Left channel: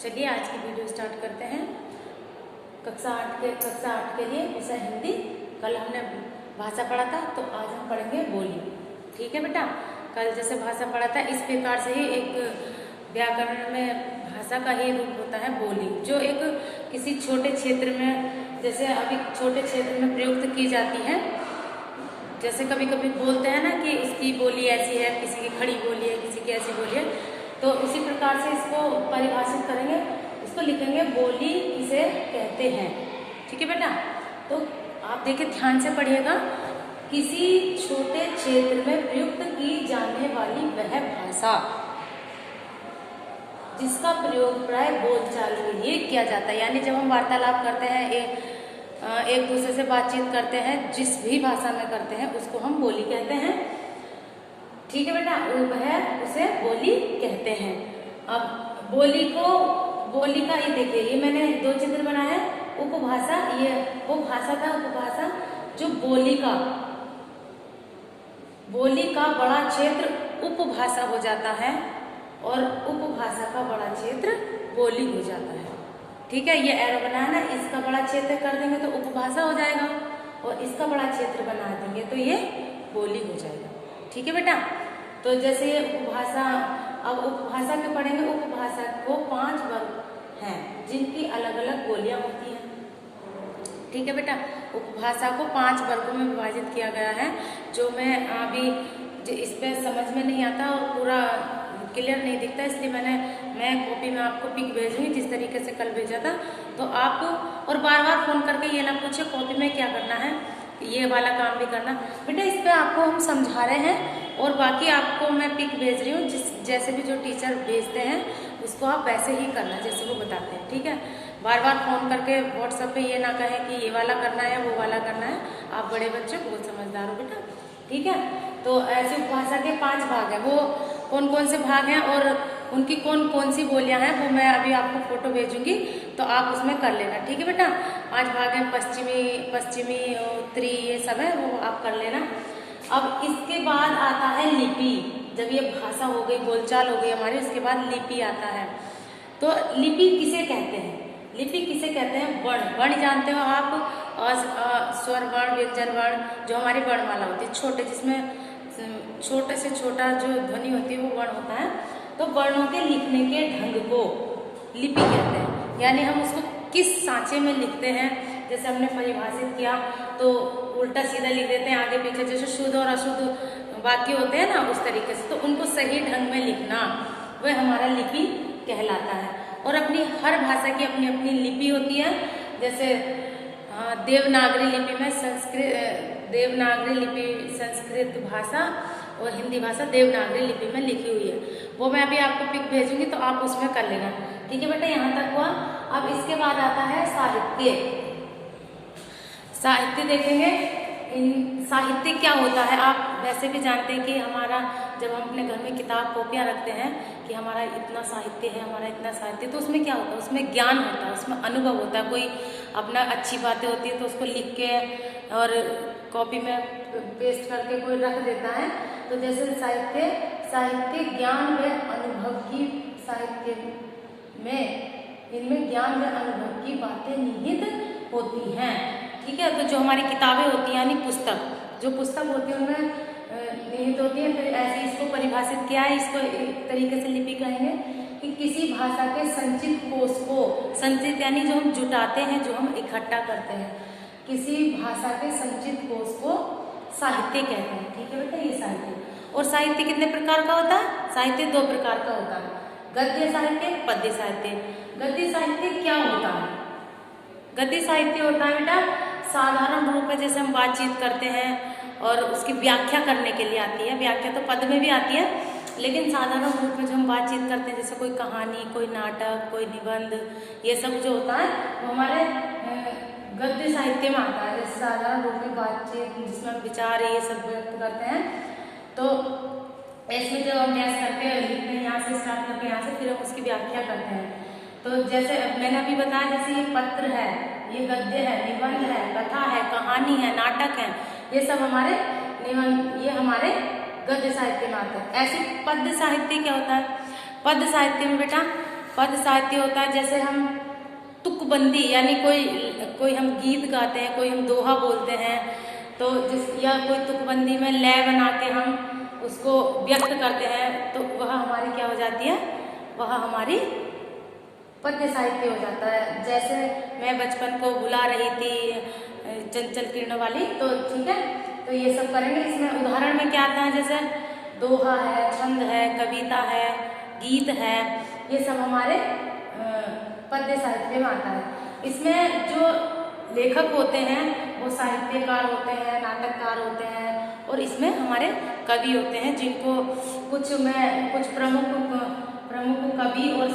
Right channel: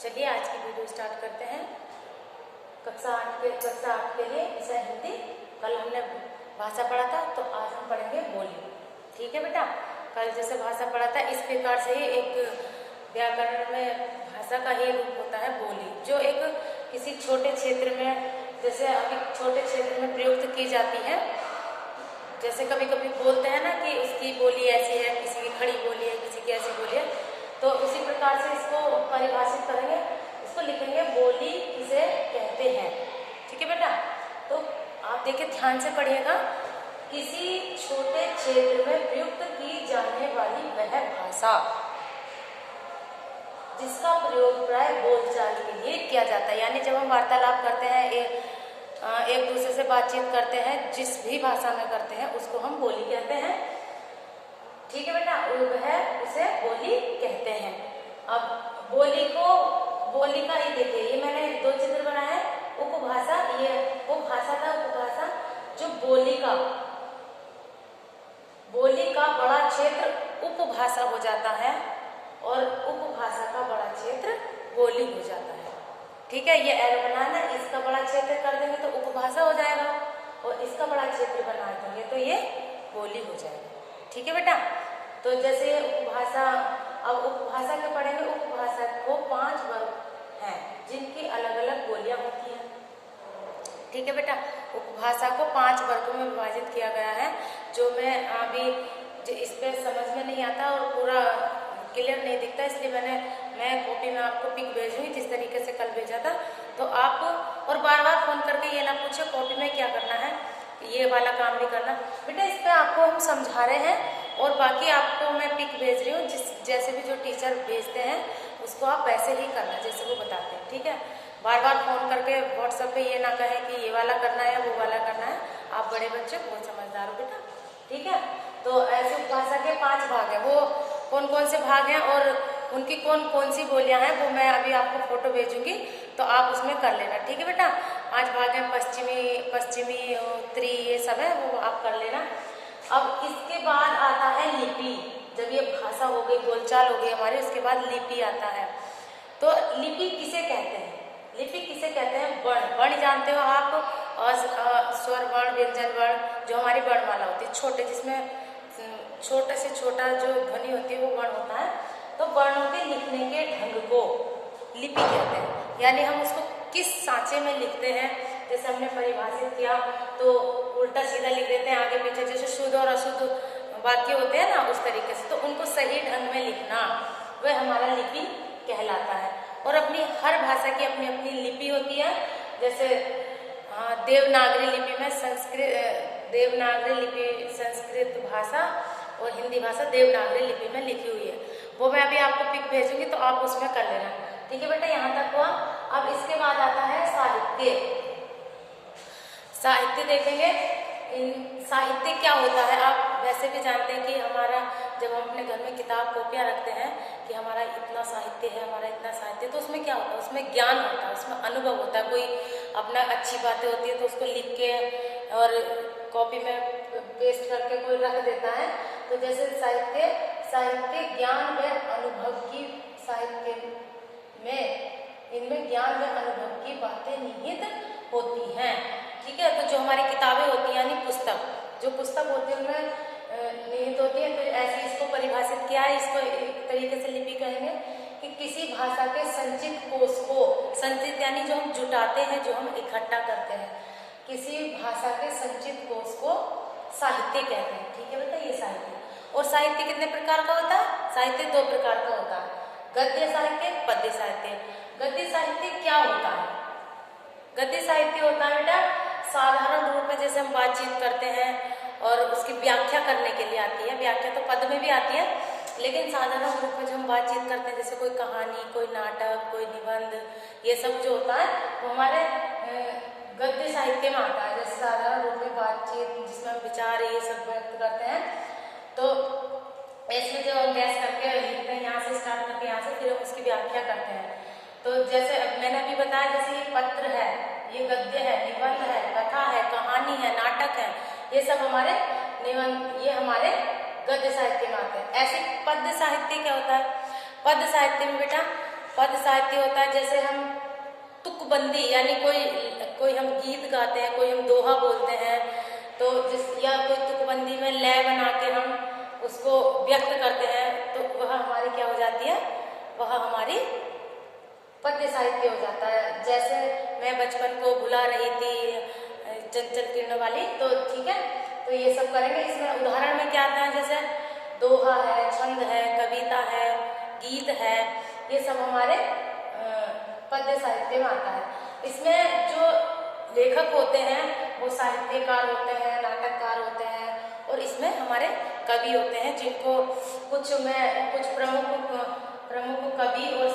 चलिए आज की वीडियो स्टार्ट करते हैं। कक्षा 8 के लिए विषय हिंदी। कल हमने भाषा पढ़ा था, तो आज हम पढ़ेंगे बोली। ठीक है बेटा, कल जैसे भाषा पढ़ा था इस प्रकार से ही एक व्याकरण में भाषा का ही रूप होता है बोली, जो एक किसी छोटे क्षेत्र में, जैसे अभी छोटे क्षेत्र में प्रयुक्त की जाती है। जैसे कभी कभी बोलते हैं ना कि उसकी बोली ऐसी है, किसी की खड़ी बोली है, किसी की ऐसी बोली है, तो इसी प्रकार से इसको परिभाषित करेंगे, इसको लिखेंगे बोली किसे कहते हैं। ठीक है बेटा, तो आप देखिए ध्यान से पढ़िएगा। किसी छोटे क्षेत्र में प्रयुक्त की जाने वाली वह भाषा जिसका प्रयोग प्राय बोलचाल के लिए किया जाता है। यानी जब हम वार्तालाप करते हैं, एक दूसरे से बातचीत करते हैं, जिस भी भाषा में करते हैं उसको हम बोली कहते हैं। ठीक है बेटा, वह उसे बोली कहते हैं। अब बोली का ये देखिए, ये मैंने दो चित्र बनाए हैं। उपभाषा, ये वो भाषा था उपभाषा जो बोली का बड़ा क्षेत्र उपभाषा हो जाता है और उपभाषा का बड़ा क्षेत्र बोली हो जाता है। ठीक है, ये एरो बनाया ना, इसका बड़ा क्षेत्र कर देंगे तो उपभाषा हो जाएगा और इसका बड़ा क्षेत्र बना देंगे तो ये बोली हो जाएगा। ठीक है बेटा, तो जैसे उपभाषा, अब उपभाषा के पढ़ेंगे। उपभाषा को 5 वर्ग हैं जिनकी अलग अलग बोलियां होती हैं। ठीक है बेटा, उपभाषा को 5 वर्गों में विभाजित किया गया है, जो मैं अभी इस पे समझ में नहीं आता और पूरा क्लियर नहीं दिखता, इसलिए मैं कॉपी में आपको पिक भेजूंगी जिस तरीके से कल भेजा था। तो आप और बार बार फोन करके ये ना पूछे कॉपी में क्या करना है, ये वाला काम भी करना बेटा। इस पर आपको हम समझा रहे हैं और बाकी आपको मैं पिक भेज रही हूँ। जैसे भी जो टीचर भेजते हैं उसको आप वैसे ही करना जैसे वो बताते हैं। ठीक है, बार बार फोन करके व्हाट्सएप पे ये ना कहें कि ये वाला करना है वो वाला करना है। आप बड़े बच्चे बहुत समझदार हो बेटा। ठीक है, तो ऐसे उपभाषा के 5 भाग हैं। वो कौन कौन से भाग हैं और उनकी कौन कौन सी बोलियां हैं वो मैं अभी आपको फोटो भेजूंगी, तो आप उसमें कर लेना। ठीक है बेटा, 5 भाग हैं, पश्चिमी उत्तरी, ये सब है, वो आप कर लेना। अब इसके बाद आता है लिपि। जब ये भाषा हो गई, बोलचाल हो गई हमारी, उसके बाद लिपि आता है। तो लिपि किसे कहते हैं? लिपि किसे कहते हैं? वर्ण जानते हो आप, स्वर वर्ण, व्यंजन वर्ण, जो हमारी वर्णमाला होती है, छोटे, जिसमें छोटे से छोटा जो ध्वनि होती है वो वर्ण होता है। तो वर्णों के लिखने के ढंग को लिपि कहते हैं। यानी हम उसको किस सांचे में लिखते हैं, जैसे हमने परिभाषित किया तो उल्टा सीधा लिख देते हैं, आगे पीछे, जैसे शुद्ध और अशुद्ध वाक्य होते हैं ना, उस तरीके से। तो उनको सही ढंग में लिखना वह हमारा लिपि कहलाता है। और अपनी हर भाषा की अपनी अपनी लिपि होती है। जैसे देवनागरी लिपि संस्कृत भाषा और हिंदी भाषा देवनागरी लिपि में लिखी हुई है। वो मैं अभी आपको पिक भेजूंगी तो आप उसमें कर लेना। ठीक है बेटा, यहाँ तक हुआ। अब इसके बाद आता है साहित्य। साहित्य देखेंगे। साहित्य क्या होता है? आप वैसे भी जानते हैं कि हमारा, जब हम अपने घर में किताब कॉपियाँ रखते हैं कि हमारा इतना साहित्य है, हमारा इतना साहित्य, तो उसमें क्या होता है? उसमें ज्ञान होता है, उसमें अनुभव होता है। कोई अपना अच्छी बातें होती है तो उसको लिख के और कॉपी में पेस्ट करके कोई रख देता है। तो जैसे साहित्य ज्ञान व अनुभव की, साहित्य में इनमें ज्ञान व अनुभव की बातें निहित होती हैं। ठीक है, तो जो हमारी किताबें होती हैं, यानी जो पुस्तक होती है उनमें निहित होती है। फिर ऐसे इसको परिभाषित किया है, इसको एक तरीके से लिपि कहेंगे कि किसी भाषा के संचित कोश को, संचित यानी जो हम जुटाते हैं, जो हम इकट्ठा करते हैं, किसी भाषा के संचित कोश को साहित्य कहते हैं। ठीक है बेटा, ये साहित्य। और साहित्य कितने प्रकार का होता है? साहित्य 2 प्रकार का होता है, गद्य साहित्य, पद्य साहित्य। गद्य साहित्य क्या होता है? गद्य साहित्य होता है बेटा साधारण रूप में, जैसे हम बातचीत करते हैं और उसकी व्याख्या करने के लिए आती है। व्याख्या तो पद में भी आती है, लेकिन साधारण रूप में जो हम बातचीत करते हैं, जैसे कोई कहानी, कोई नाटक, कोई निबंध, ये सब जो होता है वो हमारे गद्य साहित्य में आता है। जैसे साधारण रूप में बातचीत जिसमें हम विचार ये सब व्यक्त करते हैं, तो इसमें जो हम गैस करके लिखते हैं, यहाँ से स्टार्ट करके यहाँ से फिर हम उसकी व्याख्या करते हैं। तो जैसे मैंने अभी बताया, जैसे ये पत्र है, ये गद्य है, निबंध है, कथा है, कहानी है, नाटक है, ये सब हमारे निबंध, ये हमारे गद्य साहित्य में आते हैं। ऐसे पद्य साहित्य क्या होता है? पद्य साहित्य में बेटा पद साहित्य होता है जैसे हम तुकबंदी, यानी कोई हम गीत गाते हैं, कोई हम दोहा बोलते हैं, तो या कोई तुकबंदी में लय बना के हम उसको व्यक्त करते हैं, तो वह हमारी क्या हो जाती है, वह हमारी पद्य साहित्य हो जाता है। जैसे मैं बचपन को भुला रही थी चंचल किरण वाली, तो ठीक है, तो ये सब करेंगे। इसमें उदाहरण में क्या आता है, जैसे दोहा है, छंद है, कविता है, गीत है, ये सब हमारे पद्य साहित्य में आता है। इसमें जो लेखक होते हैं वो साहित्यकार होते हैं, नाटककार होते हैं, और इसमें हमारे कवि होते हैं, जिनको कुछ प्रमुख कवि और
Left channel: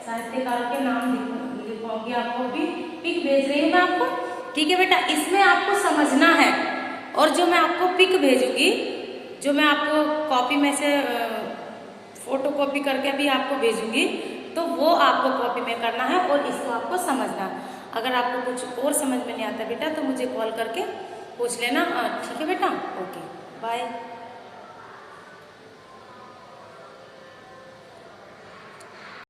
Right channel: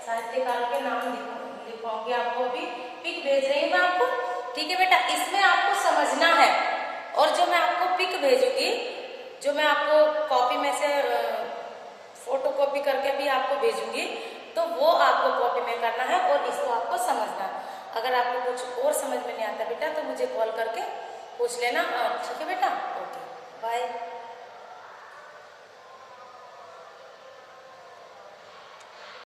साहित्यकारों के नाम लिखवाऊंगी आपको। अभी पिक भेज रही हूँ मैं आपको, ठीक है बेटा। इसमें आपको समझना है, और जो मैं आपको पिक भेजूंगी, जो मैं आपको कॉपी में से फोटो कॉपी करके भी आपको भेजूंगी, तो वो आपको कॉपी में करना है और इसको आपको समझना है। अगर आपको कुछ और समझ में नहीं आता बेटा, तो मुझे कॉल करके पूछ लेना। ठीक है बेटा, ओके, बाय।